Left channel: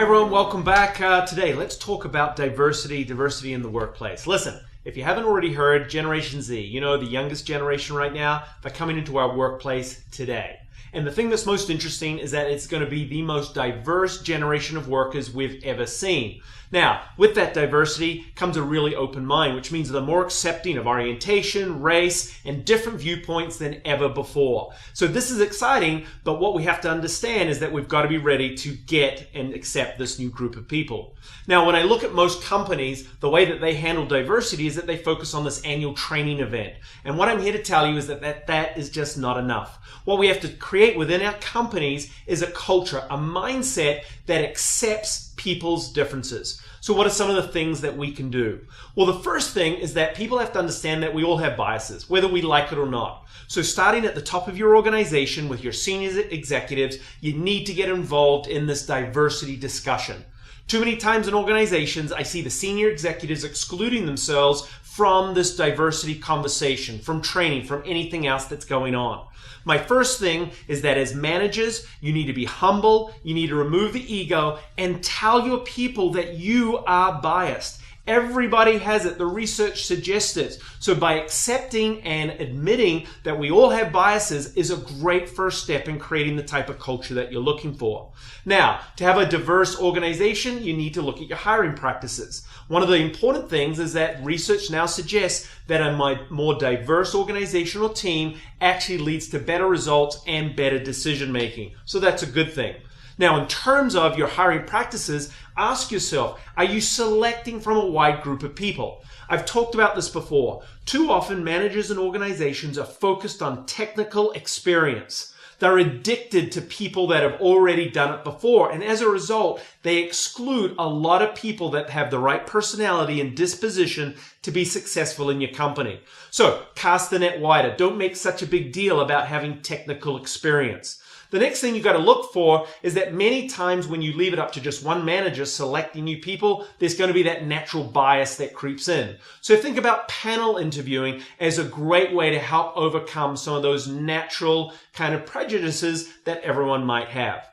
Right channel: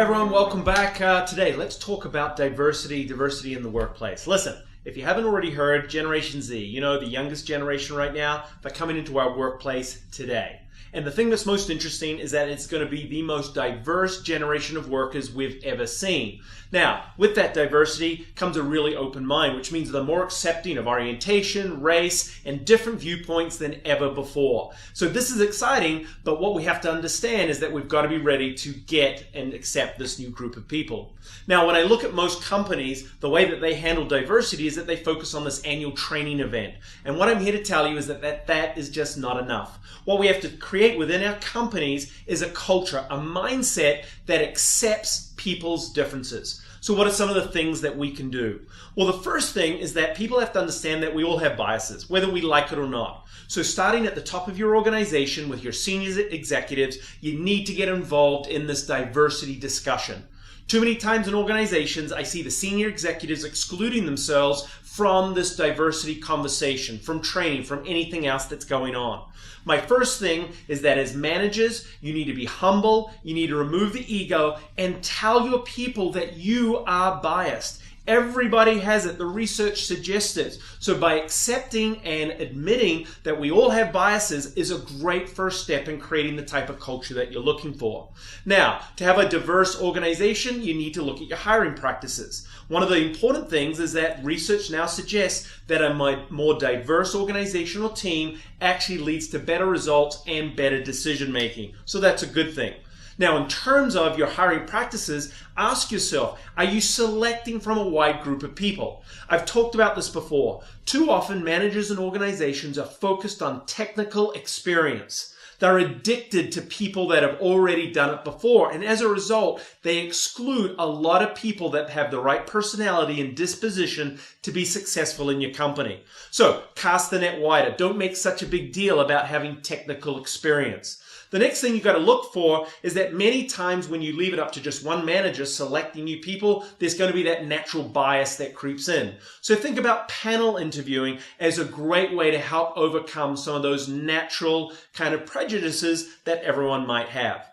Hi everyone, welcome back. Today, let's talk about diversity in the workplace. Listen, if you haven't already heard, Generation Z, the youngest generation right now, they're coming into our workplace today. And the thing that's most interesting is that it's going to be the most diverse generation of workers we've ever seen. Now, with that diversity comes a really open mind, which means they're more accepting of orientation, race, and different viewpoints than ever before. So this is exciting, but what we have to understand is that we've got to be ready to get and accept this new group of people. Now, when I look at most companies, the way that they handle diversity is that they focus on this annual training event. And what I'm here to tell you is that is just not enough. What we have to create within our companies is a culture, a mindset that accepts people's differences. So what are some of the things that we can do? Well, the first thing is that people have to understand that we all have biases, whether we like it or not. So starting at the top of your organization with your senior executives, you need to get involved in this diversity discussion. Too many times in organizations, I see the senior executives excluding themselves from this diversity conversation, from training, from anything else that's going on. My first thing is that as managers, you need to be humble, you need to remove the ego, and tell your people that you are biased. Everybody has it. The research suggests it. So by accepting and admitting that we all have biases is a great first step in creating the type of culture that you're looking for. Now, to have a diverse organization, you need to look at your hiring practices. One of the important things is that research now suggests that a more diverse organizational team actually leads to better results and better decision making. So that's a good thing. Now, in terms of your hiring practices, ask yourself, are you selecting from a wide group of people? I've talked about this before. Too often, managers and organizations are focused on technical experience. They're addicted to people that have already done it before, and as a result, they exclude a lot of people that have the right personality and disposition to be successful in your company. So, cast the net wider. Don't make such a big deal about having technical experience. The next thing you've got to look for is that many times when you leave it up to just one manager selecting new people, there's going to be that natural bias that creeps in. So think about panel interviewing as a great way to help overcome some of those natural kind of prejudices that everyone might have.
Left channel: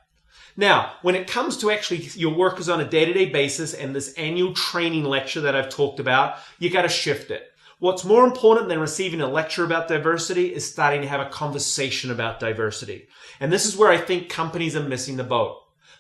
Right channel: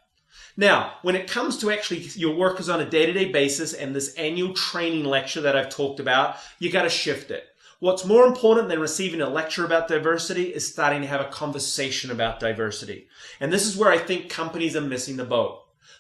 Now, when it comes to actually your workers on a day-to-day basis and this annual training lecture that I've talked about, you got to shift it. What's more important than receiving a lecture about diversity is starting to have a conversation about diversity. And this is where I think companies are missing the boat.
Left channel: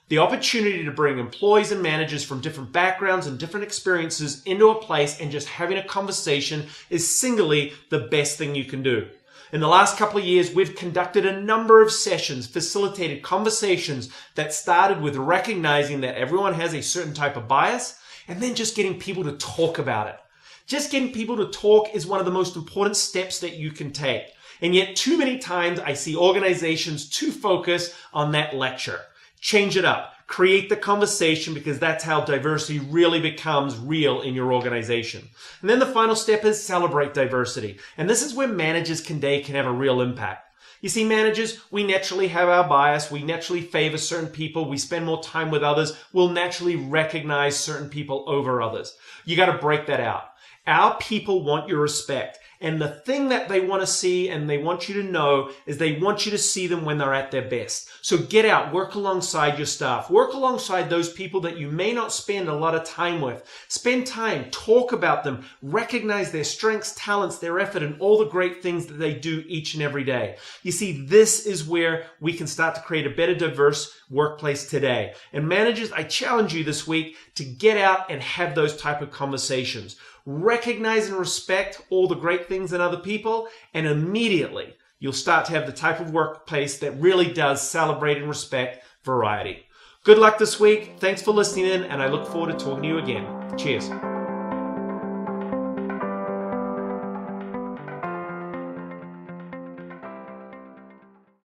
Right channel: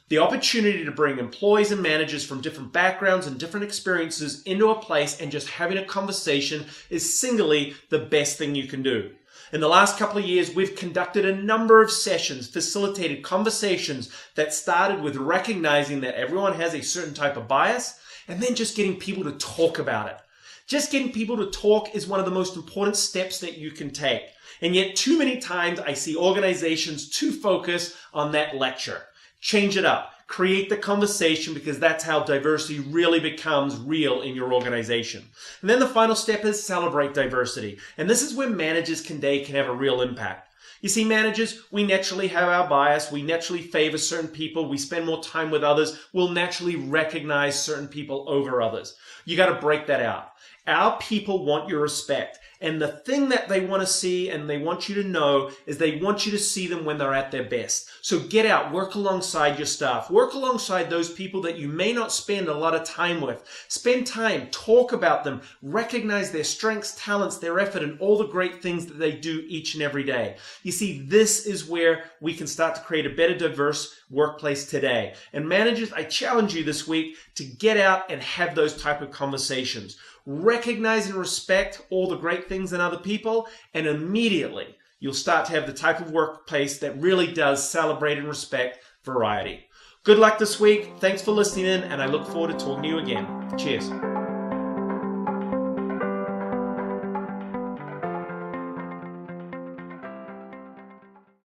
The opportunity to bring employees and managers from different backgrounds and different experiences into a place and just having a conversation is singly the best thing you can do. In the last couple of years, we've conducted a number of sessions, facilitated conversations that started with recognizing that everyone has a certain type of bias and then just getting people to talk about it. Just getting people to talk is one of the most important steps that you can take. And yet too many times I see organizations too focused on that lecture. Change it up. Create the conversation because that's how diversity really becomes real in your organization. And then the final step is celebrate diversity. And this is where managers can have a real impact. You see, managers, we naturally have our bias. We naturally favor certain people. We spend more time with others. We'll naturally recognize certain people over others. You got to break that out. Our people want your respect. And the thing that they want to see and they want you to know is they want you to see them when they're at their best. So get out, work alongside your staff, work alongside those people that you may not spend a lot of time with. Spend time, talk about them, recognize their strengths, talents, their effort, and all the great things that they do each and every day. You see, this is where we can start to create a better, diverse workplace today. And managers, I challenge you this week to get out and have those type of conversations. Recognize and respect all the great things in other people, and immediately you'll start to have the type of workplace that really does celebrate and respect variety. Good luck this week. Thanks for listening in, and I look forward to talking to you again. Cheers.